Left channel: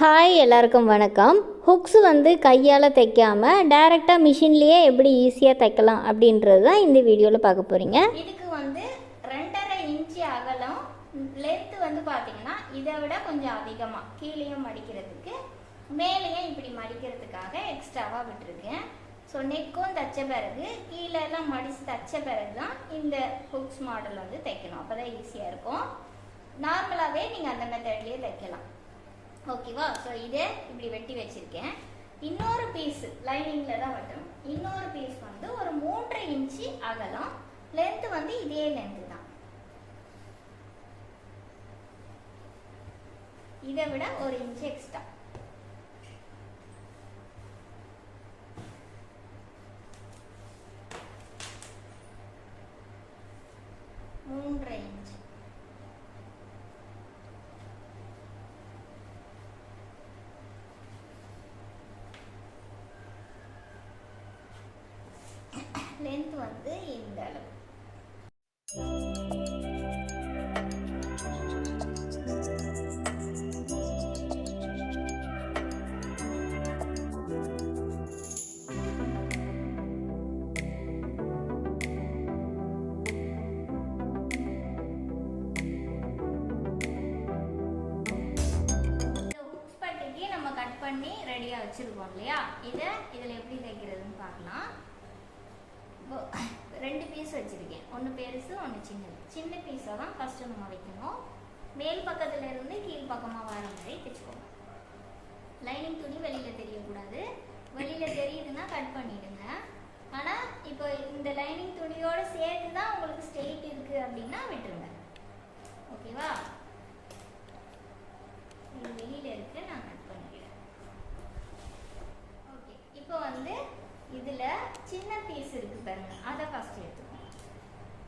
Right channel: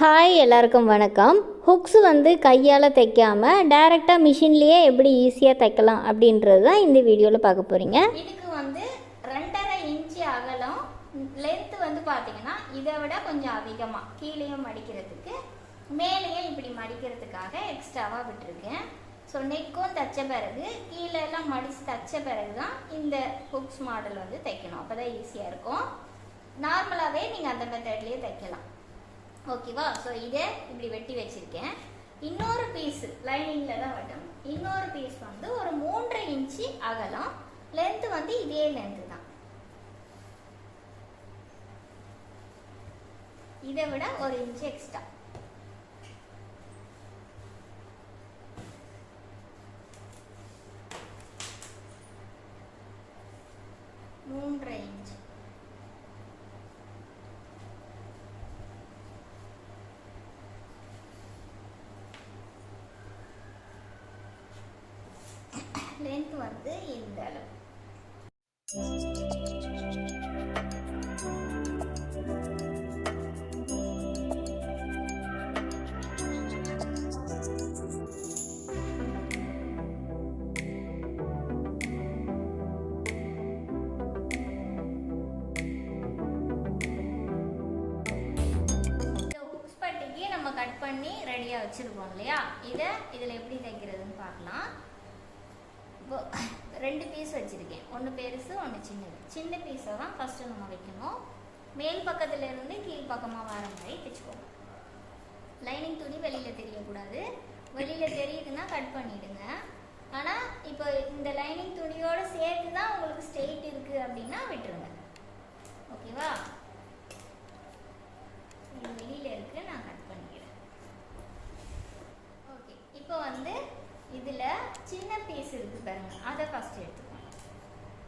Hi எல்லாருக்கும் வணக்கம். Hooks வந்து கையால் தைக்காமல் டைரெக்டாக மிஷின்லேயே எப்படி ஈஸியாக தைக்கலாம் அப்படின்றது தான் இந்த வீடியோவில் பார்க்க போகிறீங்க இதுக்கு வந்து ரெண்டரை இன்ச்சு அகலம் லென்த்து வந்து பார்த்தீங்கன்னா இதை விட கொஞ்சம் அதிகமாக கீழேயும் மடிக்கிறதுக்கு மேலேயும் இப்படி மடிக்கிறதுக்காக எக்ஸ்ட்ராவாக விட்டுருக்கேன். ஸோ நெக்கும் தைச்ச பிறகு கீழெல்லாம் மடித்து தைச்ச பிறகு தான் இந்த ஹுக்ஸ் மாடல் வந்து தைக்கணும். அப்போ தான் ஈஸியாக இருக்கும். நார்மலாகவே நீங்கள் அந்த மெத்தட்லேயே தைக்கலாம். ஓகேவா ஸோ இதே இப்படி வெட்டி வச்சிருக்கேன். இன்னொரு பீஸ் லைனிங்கில் தான் வெட்டணும். இன்னொரு பீஸ் வந்து ஒரு மூன்று இன்ச்சு அகலம். லென்த் வந்து இதே லென்த் தான். இதை விட ஒரு இன்ச் எக்ஸ்ட்ரா மூன்றரை இன்ச் லென்த் வந்து இந்த அளவு. நம்ம கட் பண்ணி ரெடியாக வச்சிருக்கோம் இல்லையா இதை இதில் எப்படி தைக்கிறதுன்னு பார்க்கலாம் இப்போ ரெண்டு பீஸ் வச்சுருக்கேன் ஒன்று பெருசு ஒன்று சின்னது. சின்ன பீஸை தான் ஃபஸ்ட்டு நம்ம வைக்கணும். மேல் பக்கத்துலேருந்து கீழ் பக்கமாக வர மாதிரி தைச்சுக்கோங்க லைனிங் துணி வெளியில் தெரியக்கூடாது. வெளியில் தெரியுதுன்னா கட் பண்ணிவிடுங்க ஆனால் இப்போ இந்த லைனிங் துணியோடு சேர்த்து தான் உங்களுக்கு ஸ்ட்ரெயிட் இருக்குது அப்படின்னா விட்டுருங்க. ஓகேவா இது வெளியில் இருக்கு நான் கட் பண்ணிக்கிறேன் ஓகே இப்போ வந்து இதில் சின்ன பீஸ் இருக்குது பாருங்க. அதை ஃபஸ்ட்டு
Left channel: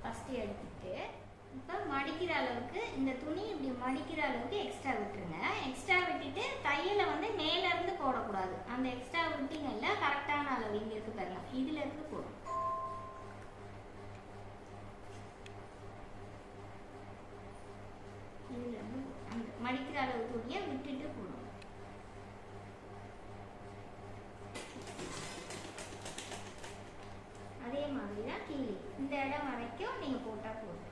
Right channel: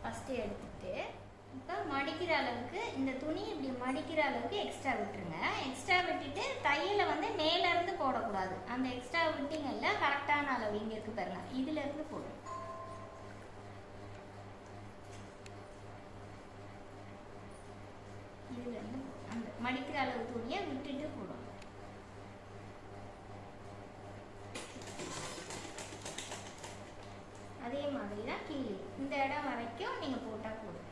ஃபஸ்ட்டு எடுத்துட்டு இப்போ மடிக்கிற அளவுக்கு இந்த துணி இப்படி மடிக்கிற அளவுக்கு எக்ஸ்ட்ரா விட்டுருங்க. எக்ஸ்ட்ரா விட்டுட்டு தையலை வந்து மேலேருந்து போடக்கூடாது. அந்த எக்ஸ்ட்ரா விட்டிங்கல்ல கரெக்டான அளவு இங்கே இருக்கு பாருங்க. இதுல இருந்து போடும் இதுல இருந்து அந்த மடிக்கிற அளவு துணியை விட்டுட்டு போடும் இந்த இடம் வரைக்கும் நீங்க போட்டா போதும்.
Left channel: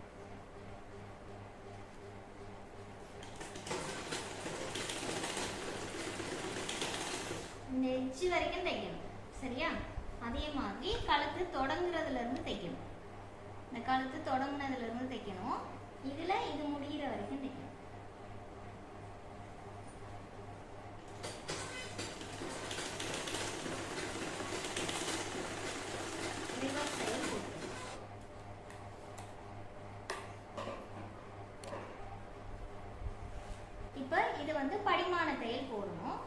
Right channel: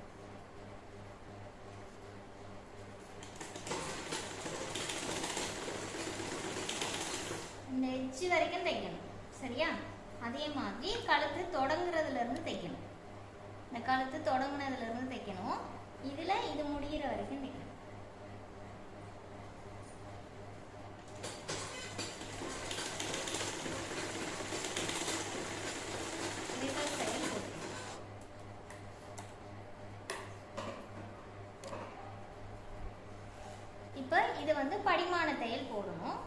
இந்த எட்ஜ் வரைக்கும் தைக்கணும் சரியா? அதே மாதிரி கழுத்து தொடங்குறதுல இருந்து தைக்கணும். இந்த கழுத்து தொடங்குனதுல இருந்து தைக்கணும். இதுல இது முடிகிற வரைக்கும் தைக்கணும் இதுதான் சரி போட்டுக்கணும். இப்ப இது வந்து படிமான தையல் போடணும்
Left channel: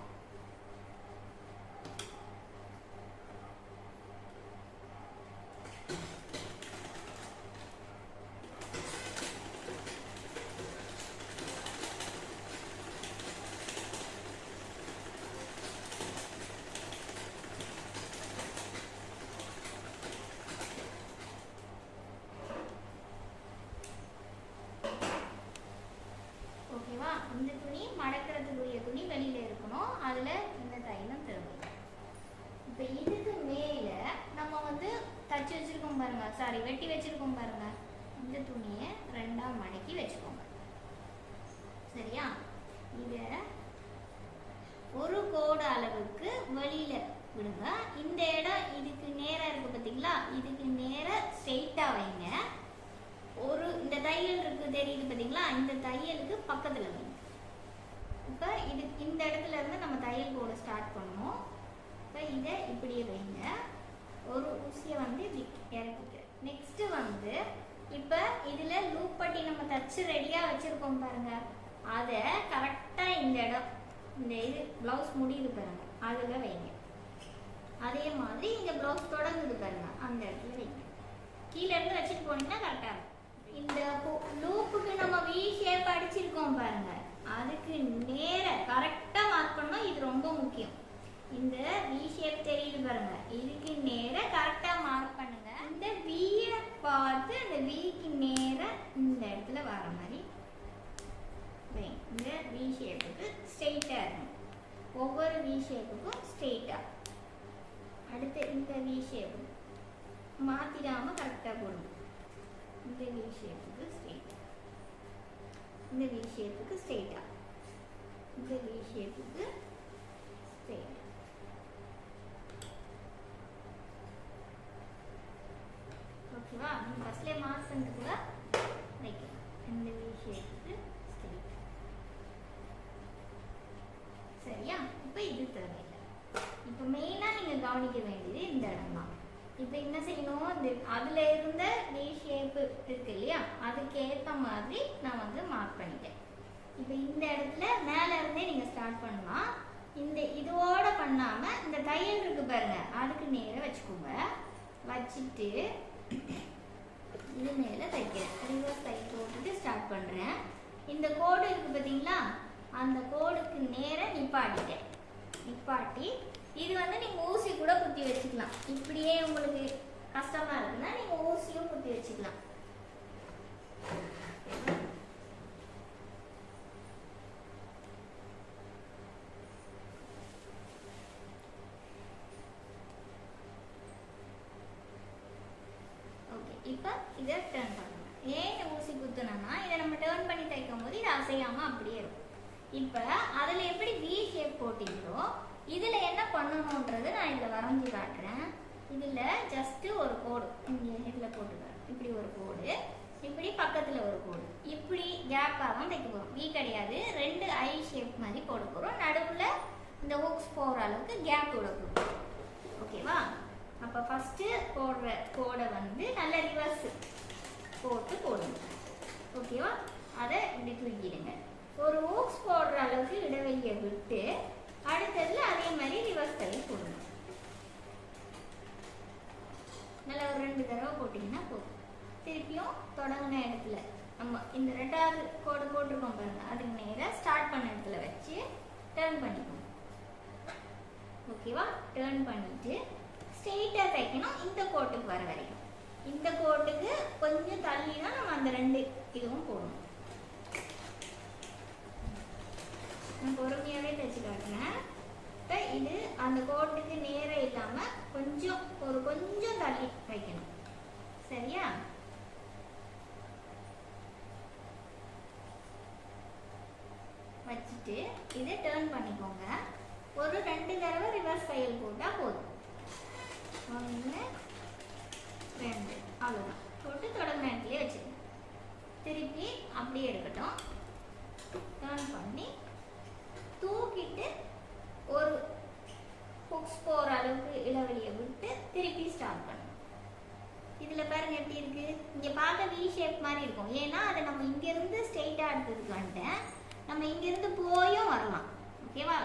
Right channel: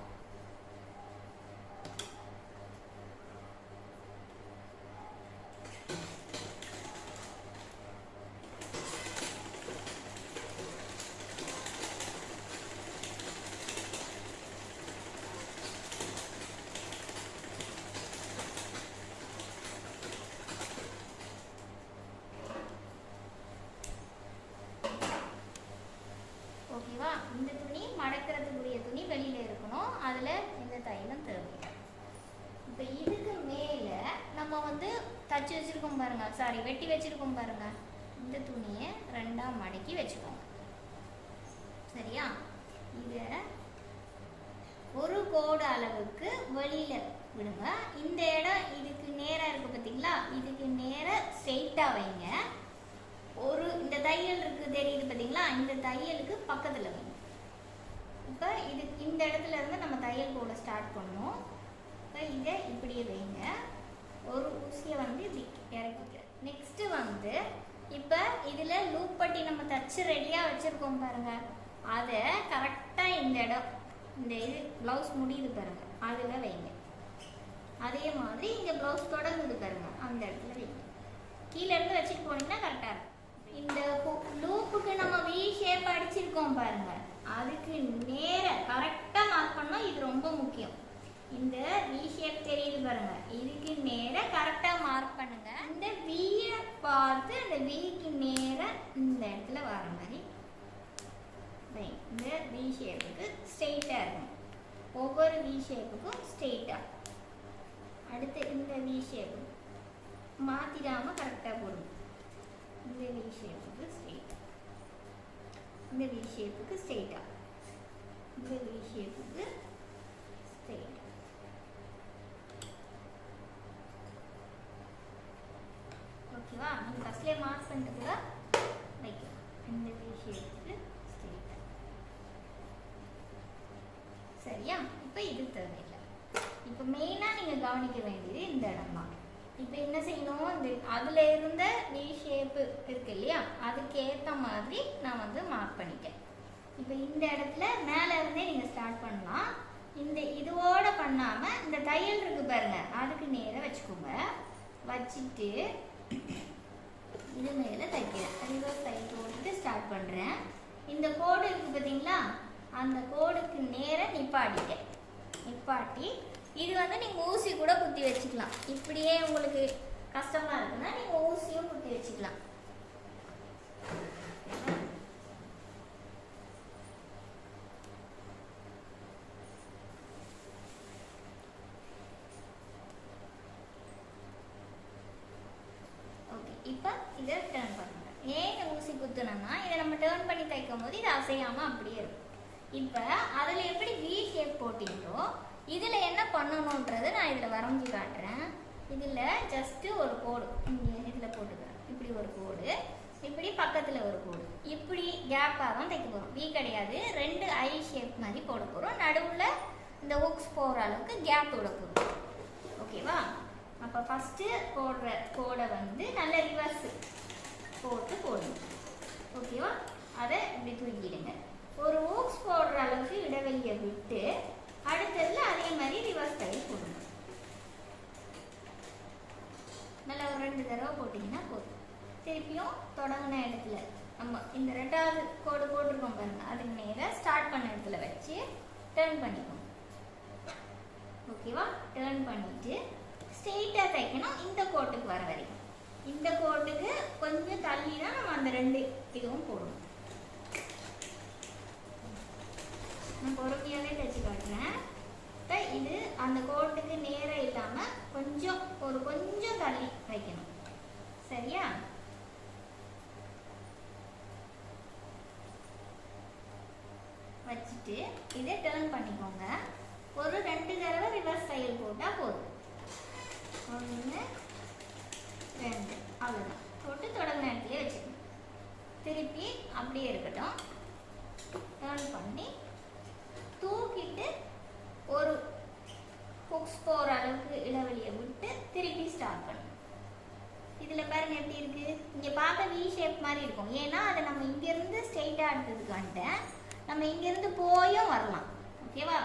ஓகேவா இந்த துணி மடக்கிறதுக்குரிய துணி வெளியில இருக்கணும் அதுல எந்த தையலும் தேவையில்லை இப்போ இதுக்கு மேல நம்ம வந்து தச்சு வச்சிருக்கோம் பாருங்க சாரி வெட்டி வச்சிருக்கோம் பாருங்க இந்த துணியை ரெண்டா மடக்கி வச்சுக்கோங்க சரியா இத ஒரு கோடு அளவுக்கு வெளியில விடுங்க இந்த இடம் இதுக்கு நேரா இருக்கு பாத்தீங்களா? இதுக்கு நேரா ஸ்ட்ரெயிட்டா வைங்க. ஒரு இந்த தையல் இருக்கு தெரியுது பாத்தீங்களா? இந்த தையலுக்கு பக்கத்துல வைங்க. இப்போ இது இந்த இடத்துல இருந்து நம்ம தையல் போட ஸ்டார்ட் பண்ணோம் இப்போ இதை இப்படியே வைங்க. ஒரு ஊசியை வந்து இறக்கிக்க. நெக்ஸ்ட் வந்து இப்போ இதுல லூப் பட்டி நம்ம தச்சு ரெடியா வச்சிருக்கோம் பாருங்க. அதை கரெக்டா இந்த இடம் இந்த இது பிளவுஸ் முடியுது பாருங்க. அதில் வைங்க. அதே மாதிரி இங்கே பிளவுஸ் தொடங்குது பாருங்க. அந்த இடத்துல வைங்க. கீழே இருந்து வச்சுட்டு போனீங்கன்னா கரெக்டாக இருக்கும். இந்த லூப்புக்கு நம்ம வி ஷேப் அடிச்சிருக்கோம் பாருங்க. அதுக்கு நேர கரெக்டாக மார்க் பண்ணோம் இது ரொம்ப முக்கியம். இந்த வி ஷேப் தெரியுது பாருங்க. இதுக்கு நேர கரெக்டாக மார்க் பண்ணுங்க. இந்த வியை பார்த்து அந்த விக்கு நேர இந்த இடத்துல வர மாதிரி வைங்க. இந்த வி ஷேப்புக்கு ஸ்ட்ரெயிட்டா இருக்கும். வி ஷேப்புக்கும் ஸ்ட்ரெயிட்டாக அடுத்து இந்த வி ஷேப் மாற்றிடாமல் கரெக்டாக போடணும். இந்த வி ஷேப்புக்கு ஸ்ட்ரெயிட்டாக இந்த வி ஷேப்புக்கு ஸ்ட்ரெயிட்டாக இந்த வி ஷேப்புக்கு ஸ்ட்ரெயிட்டாக ஓகேவா? நீங்கள் ஃபஸ்ட்லேயே மார்க் பண்ணிட்டு கூட வைக்கலாம். இந்த வி ஷேப்புக்கு ஸ்ட்ரெயிட் சரியா இப்போ இது தேவை இப்போ மெயினாக நீங்கள் கவனிக்க வேண்டியது இந்த இடம் தான் இப்போ என்ன செய்யணும்? இந்த அதில் இருந்த வி ஷேப்பு இருக்கு இல்லையா? அதுக்கு ஏற்ற மாதிரி நான் வந்து மார்க் பண்ணிட்டேன். இப்போ இந்த இடத்துல மேலே இருந்தே நீங்கள் ஸ்டார்ட் பண்ணலாம். இந்த இதோட பண்ணாமல் இந்த தையல் இருக்கு பாருங்க. அதுக்கு நேராக வச்சுக்கோங்க. வச்சுட்டு இது மேலே தைக்கிறேன் ரிவர்ஸ் தைக்க போட்டுட்டு ஸ்டார்ட் பண்ணுறேன் இந்த கோடு இருக்கு பார்த்தீங்களா அந்த கோடுக்கு நேராக நிப்பாட்டிட்டேன். நிப்பாட்டி இது வந்து நீங்கள் ஊசி கூட குத்தி வச்சுக்கலாம். இப்படியே உங்களுக்கு கஷ்டமாக இருக்குன்னா நீங்கள் ஊசியும் குத்தி வச்சுக்கலாம். ஓகே இப்போ இதை டேர்ன் பண்ணணும். ஏன் ஊசி குத்தணும்னா இதை நம்ம டேர்ன் பண்ணி தைக்கும் போது இது அசையாமல் அப்படியே இருக்கும். இப்போ அதில் எப்படி வி ஷேப் போட்டிங்களோ இதில் என்ன பண்ணணுன்றதை நான் இதில் வரைஞ்சி காட்டுறேன். இதில் ஜஸ்ட்டு ஒரு கோடு. இங்கே இதில் போட்டுக்கிறேன் இப்படி ஒரு கோடு. இப்படி பக்கத்தில் ஒரு கோடு. இப்படி கேப்பாக தான் தைக்க போகிறோம் வி கிடையாது. ரெண்டு ஐ ஷேப் மாதிரி போட போகிறோம் நடுவில் இந்த ஹுக்ஸ் போகிற அளவுக்கு கேப் விட போகிறோம் ஓகேவா அப்போ ஃபஸ்ட்டு போடுற கோடை வந்து நல்ல ரிவர்ஸ் போட்டு போடுங்க. ஓகேவா அதை இப்படி தூக்கிடுங்க. ஒரு ஓக்ஸ் போடுற அளவுக்கு இடைவெளியை விட்டு அடுத்ததுல அதே மாதிரி ரிவர்ஸ் தையல் போடுங்க நல்லா ஒரு ரெண்டு தடவை போட்டிங்கன்னா போதும். திருப்பியும் தொடங்கின இடத்துல நம்ம இந்த ரெண்டாவது கோடு போட்டிருக்கோம் பாருங்க அதுக்கு நேராக ஸ்டார்ட் பண்ண இடத்துல வச்சு டேர்ன் பண்ணிக்கோங்க. ஓகேவா டேர்ன் பண்ணிட்டு ஸ்ட்ரெயிட்டாக தைக்கணும் இந்த கோட்டுக்கு வர வரைக்கும். இந்த கோட்டுக்கு கொஞ்சம் தள்ளி தான் நம்ம அந்த ரெண்டு இதுவும் போடணும். நான் பொறுமையாகவே தைச்சு காட்டினேன் இது அந்த கோட்டுக்கு நேராக இல்லாமல் கொஞ்சம் ஒரு கொஞ்சம் தள்ளி வைக்கணும். சரியா? வச்சுட்டு இதை டேர்ன் பண்ணிக்கோங்க. ஒரு ரெண்டு தடவை ரிவர்ஸ் தையல் போட்டால் போதும். ஒன்று ரெண்டு. அவ்வளோதான் போட்டு தொடங்க நேரத்துலேயே வச்சுக்கணும். திருப்பி அப்படியே இருக்கட்டும். டேர்ன் பண்ணி தூக்கிட்டு ஒரு ஹுக்ஸ் போகிற அளவுக்கு இடைவெளியை விட்டு திருப்பி ஸ்டார்ட் பண்ணணும். இதில் பாருங்க எப்படி இருக்கு? இங்கே பார்க்க வி ஷேப் மாதிரி இருக்கும். ஏன்னா அதை நம்ம இங்கேருந்து ஸ்ட்ரெயிட்டாக எடுத்ததுக்கு வந்துட்டேன். நம்ம இங்கேருந்து போயும் வரலாம். ஓகேவா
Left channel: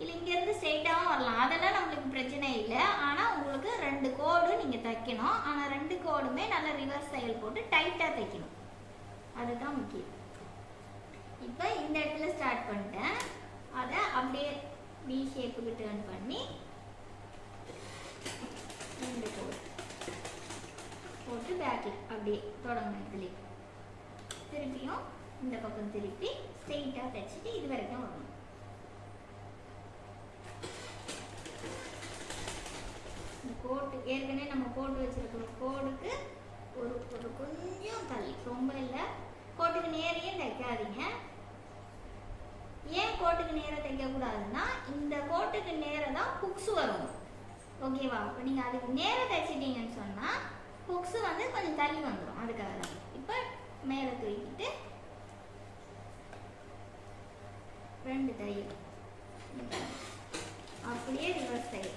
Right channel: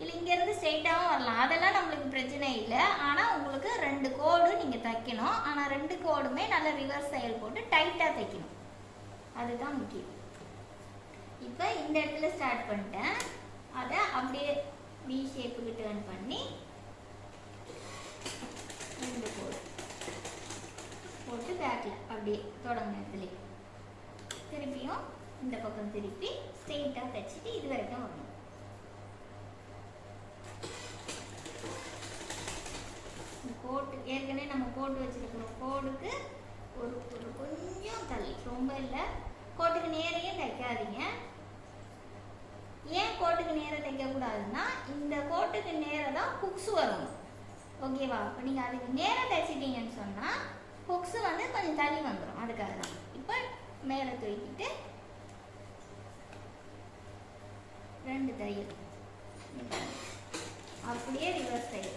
இல்லை இங்கேருந்து ஸ்ட்ரெயிட்டாகவும் வரலாம். அதெல்லாம் நம்மளுக்கு பிரச்சனை இல்லை. ஆனால் உங்களுக்கு ரெண்டு கோடு நீங்கள் தைக்கணும். ஆனால் ரெண்டு கோடுமே நல்ல ரிவர்ஸ் செயல் போட்டு டைட்டாக தைக்கணும். அதுதான் முக்கியம். இப்போ இந்த இடத்துல ஸ்டார்ட் பண்ணிட்டேன். அதை அப்படியே வி ஷேப்புக்கு டேர்ன் பண்ணி ரெண்டு கோடு போட்டு பேக்கில் அப்படியே தொடங்கின திருப்பியும் இந்த பக்கம் திருப்பி ஸ்ட்ரெயிட்டாக தைச்சிட்டு இது வரைக்கும் வரணும். இந்த கோட்டு ஏற்கனவே நம்ம கோட்டு வச்சிருக்கிற கோடுக்கு ஒரு ஒரு கொஞ்சம் தள்ளி. ரொம்ப இல்லை. கோட்டுக்கு நேரையே தைக்காதீங்க. ஏன் கோட்டுக்கு நேரம் தைக்கக்கூடாதுன்னா இந்த கோட்டுக்கு நேரம் தான் ஹுக்ஸ் வரும். ஓகேவா இப்போ நீங்கள் அதுக்கு நேரம் தைச்சிட்டீங்கன்னு சொன்னால் ஹுக்ஸ் வந்து கொஞ்சம் தள்ளி வந்துடும் அதுக்காக தான் இப்போ மேலே தூக்கிட்டு ரெண்டு தையல் அப்படியே ரிவர்ஸ் தையல்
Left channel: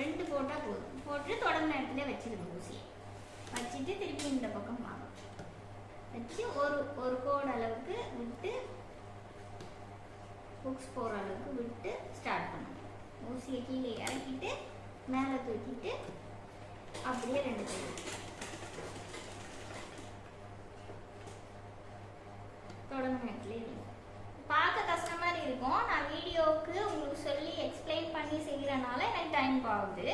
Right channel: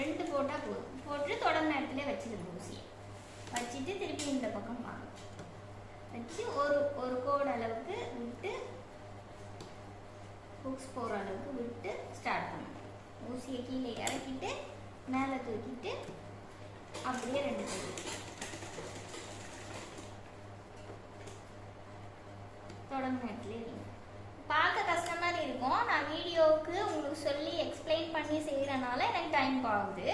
ரெண்டு போட்டால் போதும். போட்டு தொடங்கின இடத்துல வச்சுக்கணும் ஊசியை வச்சுட்டு திருப்பி இந்த பக்கம் வாங்க. வச்சு ஒரு ஒரு கோடு அளவுக்கு விட்டு ஹுக்ஸ் போகிற அளவுக்கு விட்டு ஸ்டார்ட் பண்ணுங்க ஊசியை கீழே இறக்கிட்டு மேலே தூக்கிட்டு அப்படியே ரெண்டு தையல் தொடங்கின இடத்துல நீங்கள் பார்க்க கஷ்டமாக இருக்கும். நான் வீடியோவுக்கு உங்களுக்கு சொல்லி எக்ஸ்பிளைன் பண்ணி செய்கிறனால எனக்கு டைம் ஆகுது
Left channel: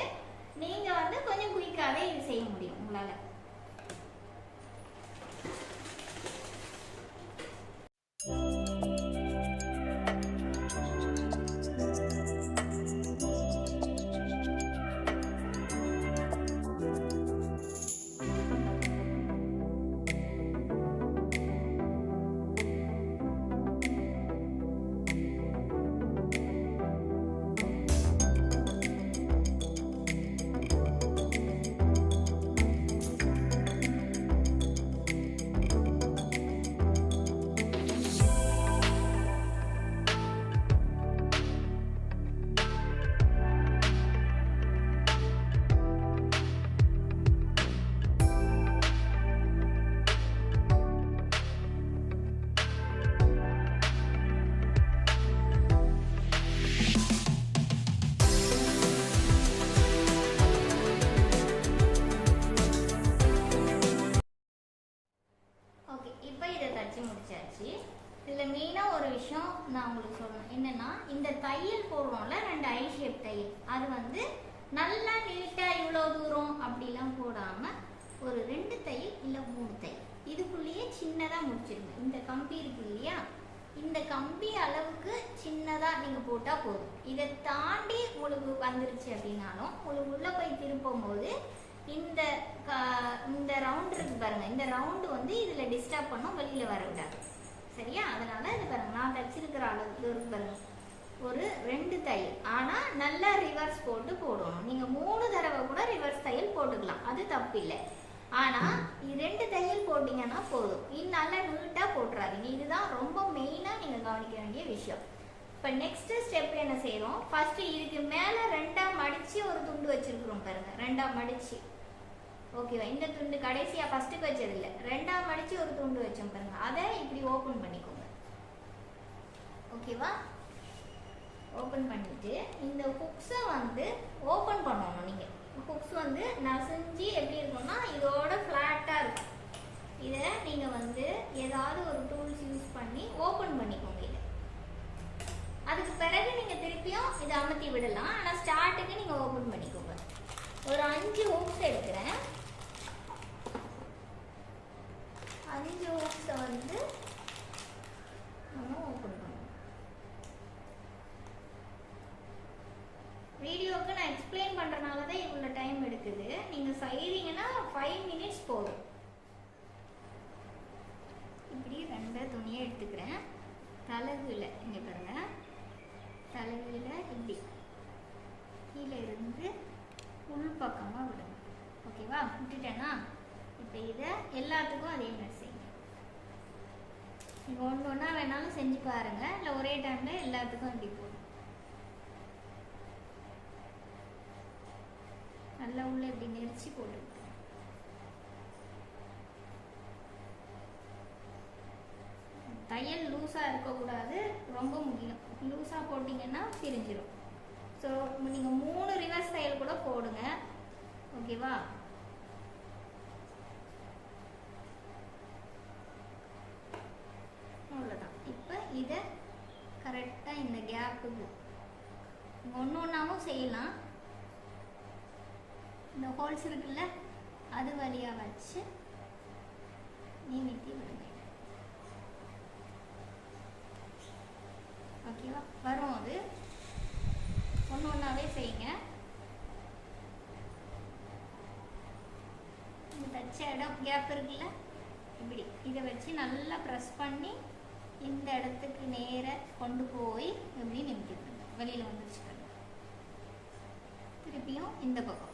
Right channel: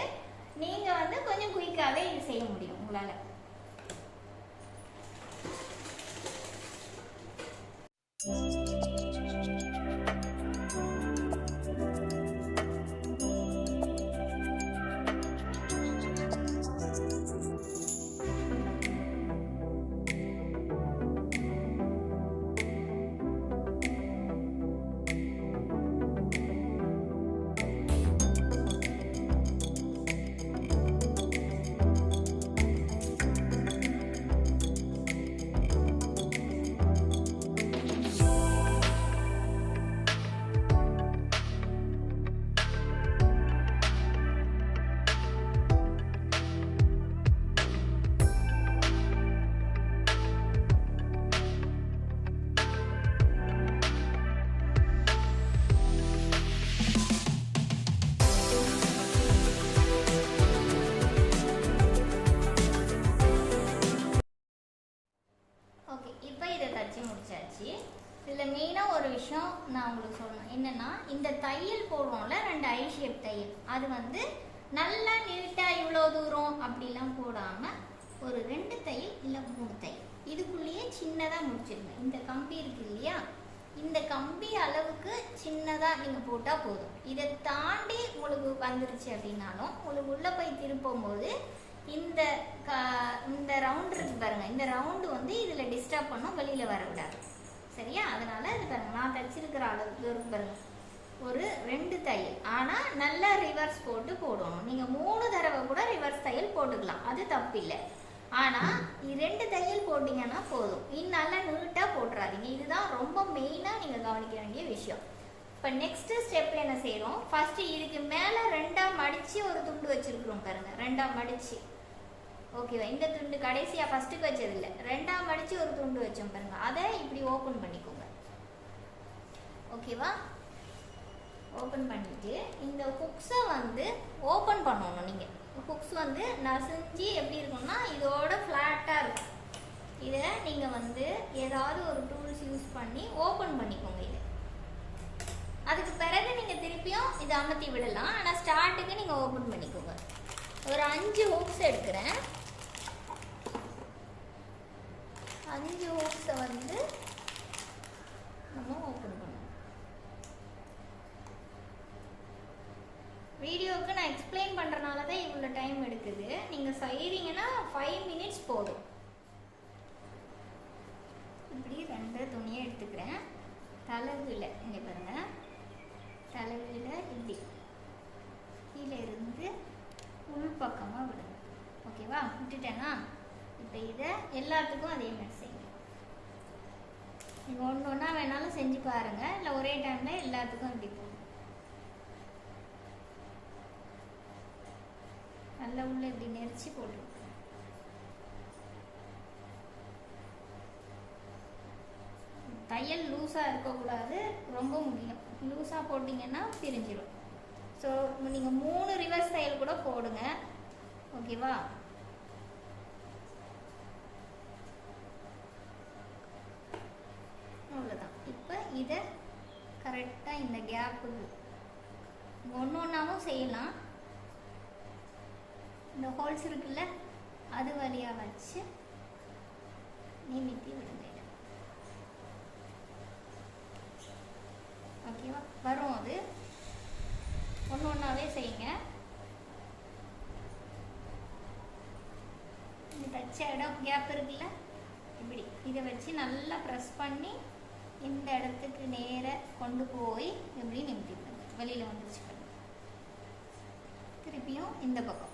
நீங்கள் வந்து கொஞ்சம் குயிக்காகவே இது செய்ய முடியும் உங்களால். தையல் போடுவோம்ல ரெண்டு ஐ ஷேப் தையல். அது வந்து நல்லா நீட்டா இவ்வளோ தூரம் அப்படிலாம் போடாம ஒரு ரெண்டு தையல் இல்லை மூணு தையல். இதுக்குள்ளேயே சின்னதாக முடிச்சிருங்க. இந்த கம்பி இருக்கு இல்லையா? இந்த கம்பி அளவுக்கு சின்னதாக நீங்கள் போட்டால் போதும். இதை தாண்டி உங்களுக்கு வந்துருச்சு அப்படின்னாலும் உங்களுக்கு உள்ளே போய் திருப்பும் போது இந்த க- இந்த ரவுண்ட் இருக்கு பாருங்க. இந்த ரவுண்டு வந்து இதில் டிஸ்டர்ப் பண்ணோம் வெளியில் வரக்கூடாது. சரியா? அதனால இது பாருங்க. நான் தச்சிருக்கிற அளவுக்கு இருக்கு பாருங்க. ஒரு ரெண்டு தையல் ஆனால் நல்லா ரிவர்ஸ் போட்டு போடணும். நீங்கள் மூணு தடவை கூட ரிவர்ஸ் தையல் போட்டுக்கலாம். அது தப்பு இல்லை ஆனால் ரெண்டு தையல் போட்டிங்கன்னா போதும். நீ நல்லா நீட்டாக போட்டுறாதீங்க. இதுதான் ரொம்ப மெயினாக நீங்கள் கவனிக்க வேண்டிய விஷயம். இப்போ நெக்ஸ்ட் ஸ்டெப் என்ன செய்கிறோம் ஃபர்ஸ்ட் இதுக்கு மேலே ரெண்டா மடிச்சு ஒரு துண்டு வச்சிருக்கிறோம் பாருங்க. ரெண்டா மடிச்சு. ஓகேவா இந்த துண்டு கடைசியாக ஃபர்ஸ்ட்டுக்கு வச்சது இல்லை. ரெண்டா மடிச்சு ஒரு துண்டு வச்சோம் பாருங்க. அதை இப்படி ஓப்பன் பண்ணிக்கோங்க. ஓகேவா ஓப்பன் பண்ணிட்டு இந்த ஹுக்ஸை வந்து ஓப்பன் பண்ணணும் நீங்கள் ஹுக்ஸ் வந்து நசைஞ்சு எப்படி இருக்கும்னா இதோட ஃப்ளாட்டாக இருக்கும். இதை நீங்கள் வந்து ஏதாவது ஒரு டூல்ஸ் யூஸ் பண்ணி ஓப்பன் பண்ணிக்கோங்க இதை. அதுக்கு பிறகு நீங்கள் திருப்பியும் இதை அமர்த்தி விடலாம். ஆனால் ஸ்டார்ட்டுக்கு நீங்கள் ஓப்பன் பண்ணிக்கோங்க. ஒரு அஞ்சு ஹுக்ஸ் எடுக்கிறேன். அஞ்சு ஹுக்ஸை வந்து நம்ம ஓப்பன் பண்ணுவோம் வீடியோவுக்கு நான் எக்ஸ்பிளைன் பண்ணுறனால தான் இவ்வளோ டைம் எடுக்குது. நீங்கள் செய்கிறீங்கன்னா ஃபைவ் மினிட்ஸ் போதும். இப்படி ரெண்டு துணியை எடுத்துக்கிறேன். தலகுல இங்கே பாருங்க. தளவில் இப்படி கீழே இருந்து உள் பக்கமாக விடுங்க ஓகேவா? விட்டுட்டேங்க இப்போ இதை எல்லாத்துக்கும் அதே மாதிரி செய்யுங்க. நீங்கள் ஒன்று ஒன்றா வேணாலும் செஞ்சு பாருங்கள் இல்லை ஒரே டைமில் எல்லாத்துக்கும் இப்படி போடும் நல்லா உள்ள இப்படி நெரிச்சு போட்டு தையல் லூஸாக இருக்கக்கூடாது ரொம்ப முக்கியம். லூஸாக போட்டிங்கன்னா பிரிஞ்சிடும் ஸோ நீங்கள் மூணு ரிவர்ஸ் தையல் கூட போடுங்க. ஓகேவா அவ்வளோதான் இப்போ இதை கரெக்டாக இந்த கேப்புக்கு ஒன்று ஒன்றாவும் செய்யலாம். இந்த ஹோல்ஸ் இருக்குல்ல அது வழியாக வச்சு நீமிட்டி விடுங்க ஓகேவா வரும் அது. ஒன்று ஒன்றாவே செய்யுங்க. தச்ச இடம் கேப் இருக்குல்ல இப்படி. இதை வச்சு நல்லா ப்ரெஸ் பண்ணி இந்த இடத்துக்கு நேர கொண்டு போய் இப்படி நிமிட்டிக்கோங்க வெளியில் வந்துச்சு திருப்பியும் இந்த பக்கம்.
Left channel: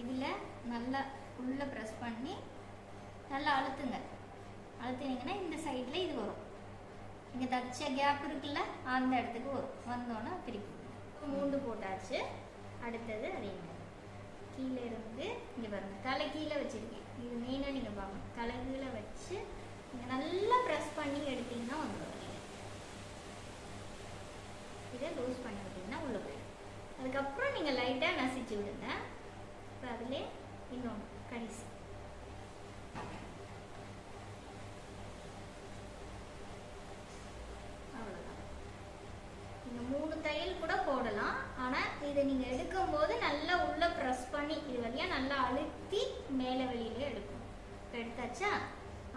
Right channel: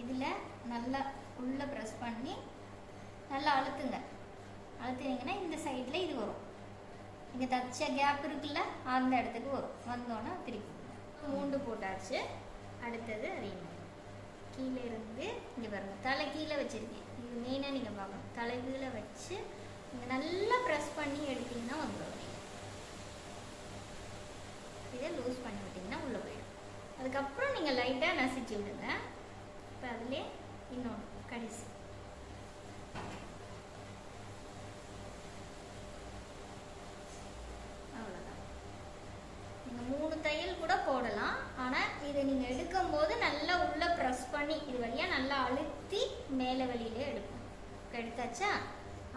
இதில் நல்லா உள்ளே ப்ரெஸ் பண்ணி நல்லா அழுத்துங்க. அழுத்துனீங்கன்னா இந்த சைடில் இது வரும். இங்கே தச்ச கேப் இருக்குல்ல அந்த இடத்துக்கு வரும். வந்தோன்னே திருப்பி மூண்டு போட்டாச்சு. அடுத்தது அதே மாதிரி. கீழே இருந்து இங்கே பாருங்க தலை கீழே வச்சுருக்கேன். இது மெயினாக நீங்கள் பார்க்கணும். தலை கீழே வச்சு நீங்கள் நல்லா ப்ரெஸ் பண்ணி எடுத்தீங்கன்னா வந்துடும் இதை லூஸ் பண்ணி விட்டீங்கன்னா உள்ளே போயிடும். அதுக்கப்புறம் நீங்கள் லைட்டாக நசிச்சு விடுங்க. இப்போ அதிலே இன்னொன்று கடைசி. அவ்வளோதான் நீங்கள் மூணு தையல் கூட போடலாம். ஆனால் இதை நீங்கள் எடுக்கும்போது நல்லா உள்ளே ப்ரெஸ் பண்ணி இது வழியாக நல்லா அழுத்தி மேலே வெளியில எடுக்கும் எடுத்தாச்சா?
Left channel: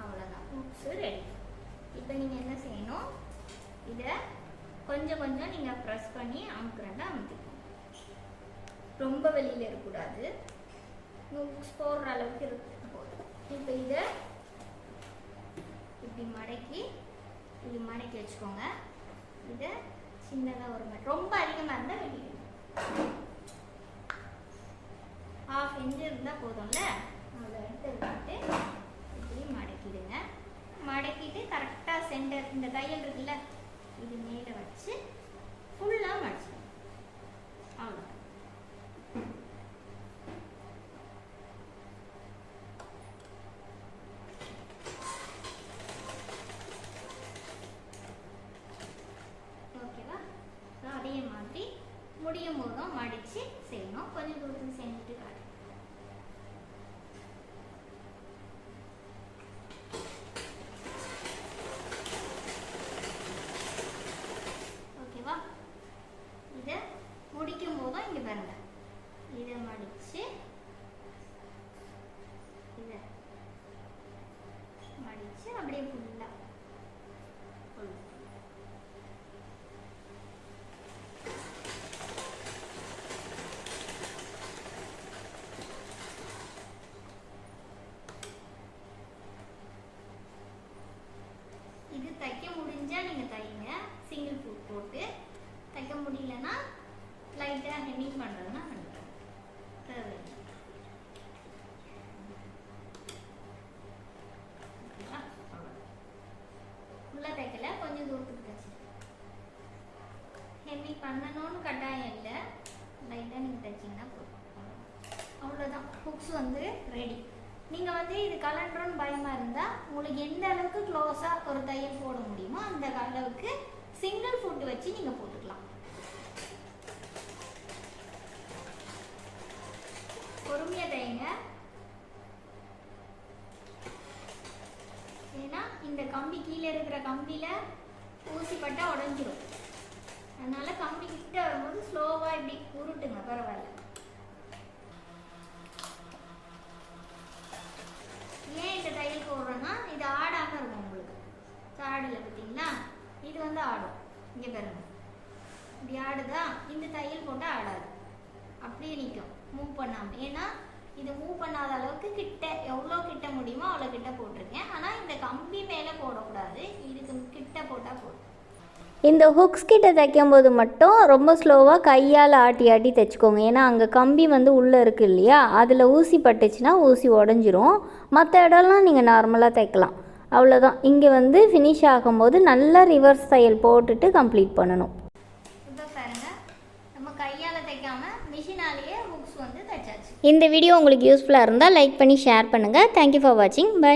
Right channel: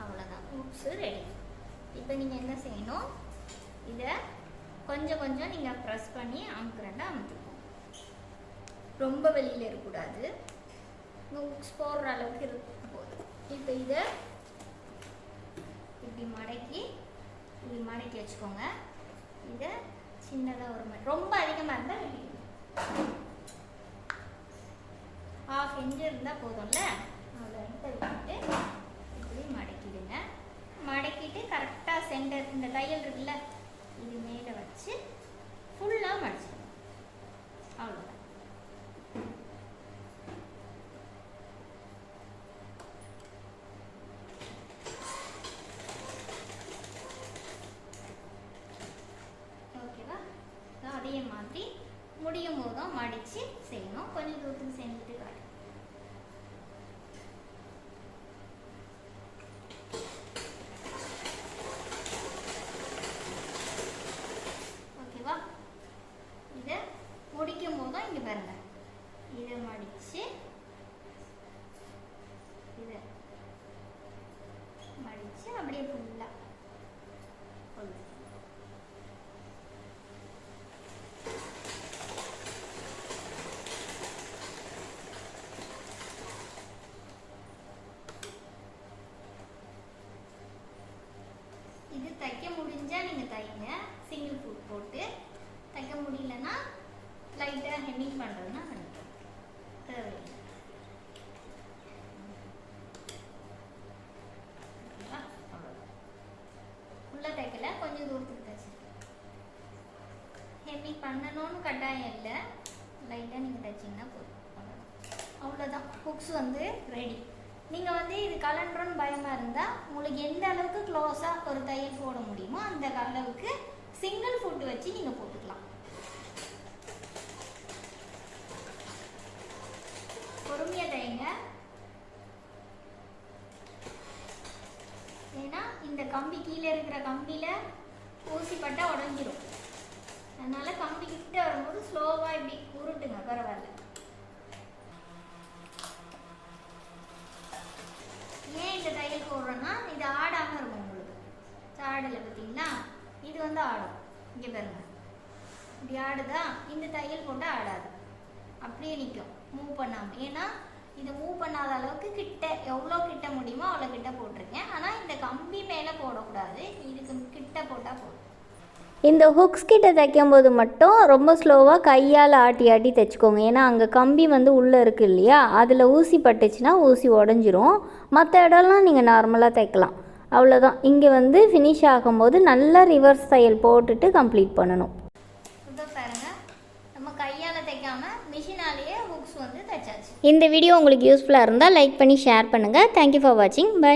அவ்வளோதான் உப்ஸு ரெடி இப்போ நீங்கள் என்ன செய்யணும்? இதை கொஞ்சம் கொஞ்சம் நீங்கள் ப்ரெஸ் பண்ணி அமுக்குறண்டா அமுத்திக்கணும் ரொம்ப வெளியில் இருக்கக்கூடாது. நூல்ஸ் போடுற அளவுக்கு இருக்கு. இப்போ இதை இப்படி மடக்கி இப்படி மடக்கி வச்சுக்கோங்க. இதை சின்னதாக ஒரு மாதிரி ரொம்ப அதிகமாக இருந்தால் வெளியிடுங்க ஹாஃப் இன்ச்சு இருந்தால் போதும்ல? அதில் எடுத்து விட்டுட்டு இப்படி மடக்கிடுங்க. மடக்கிட்டு கரெக்டாக சென்டர் இந்த தையல் இருக்குல்ல இது மேலே வச்சு ஃபுல்லாக மடிச்சிடுங்க அவ்வளோதான் ஓகேவா அதே மாதிரி முடியும் போதும் மடித்து செய்யணும் கொஞ்சம் தூரத்துக்கு செஞ்சுட்டு காட்டு ஓகேவா தைக்க முடிஞ்சால் நீங்கள் தைங்க. சிங்கிள் ஃபுட் போட்டு. தைக்க முடியலன்னா லைட்டாக ஹெம்மிங் பண்ணுறதுனா பண்ணிக்கலாம் தேவையில்லை. தைக்கல கொஞ்சம் தூரத்துக்கு தைச்சிருக்கேன் ஹெம்மிங் பண்ணணும்னு கட்டாயம் இல்லை. லைட்டாக நீங்கள் தைச்சிங்கன்னா போதும். அவ்வளோதான் புக்ஸ் வந்து ரெடி நீங்கள் வந்து இது கலண்டுறோன்னு பயமாக இருந்தால் உங்களுக்கு எந்த அளவுக்கு க்ளோஸாக ஒரு தையல் போட முடியுமோ அந்த அளவுக்கு சிங்கிள் ஃபுட் வச்சு நீங்கள் போட்டுக்கலாம். பொறுமையாக தைங்க. ஏன்னா இந்த கம்பி கீழே இருக்கிற கம்பியில் ஊசி உடஞ்சிரும். அதனால கம்பி கிட்ட வரும்போது ஸ்லோவாக இப்படி உருட்டுங்க பரவாயில்ல ஏன் இந்த தையல் போடுறோன்னா இது ஆடாமல் இருக்கும் உங்களுக்கு ஆடலை பார்த்தீங்களா இது வந்து ஆடும். இங்கே பாருங்க. இப்படி ஆடுதா? இந்த தையல் போட்டால் ஆடாது. அப்படியே நிற்கும் மூவ் பண்ணாமல் ஏன்னா இது மூவ் பண்ணாத அளவுக்கு கிட்ட எவ்வளோ கிட்ட முடியுமோ அவ்வளோ கிட்ட போட்டிருக்கேன். ஆனால் இந்த கம்பி மேலே போடக்கூடாது. இதுக்கு கிட்ட போட்டால் போதும். இந்த ஹுக்ஸ் கிட்ட தைக்கும் போது மட்டும் ரொம்ப ஸ்லோவாக கையால் ஆட்டி ஆட்டி தைச்சிக்கோங்க. ஏன்னா அங்கே கம்பி வந்து உள்ளே இருக்கு இல்லையா? அதில் ஊசி பட்டுச்சுன்னா ஊசி உடஞ்சிரும். மற்ற இடம்லாம் நீங்கள் நார்மலாக தைக்கலாம். அவ்வளோதான் இங்கே வந்து ஃபினிஷ் ஆகும்போது நல்லா ரிவர்ஸ் தையல் போட்டுட்டு கம்ப்ளீட் பண்ணணும். இப்போ பாருங்க. நம்ம கையால் தைக்காம மிஷினாலேயே ஹுக்ஸ் வந்து தைச்சாச்சு. இந்த வீடியோ உங்களுக்கு யூஸ்ஃபுல்லாக இருந்தால் லைக் பண்ணி ஷேர் பண்ணுங்கள் தேங்க்யூ ஃபார் வாட்சிங் பை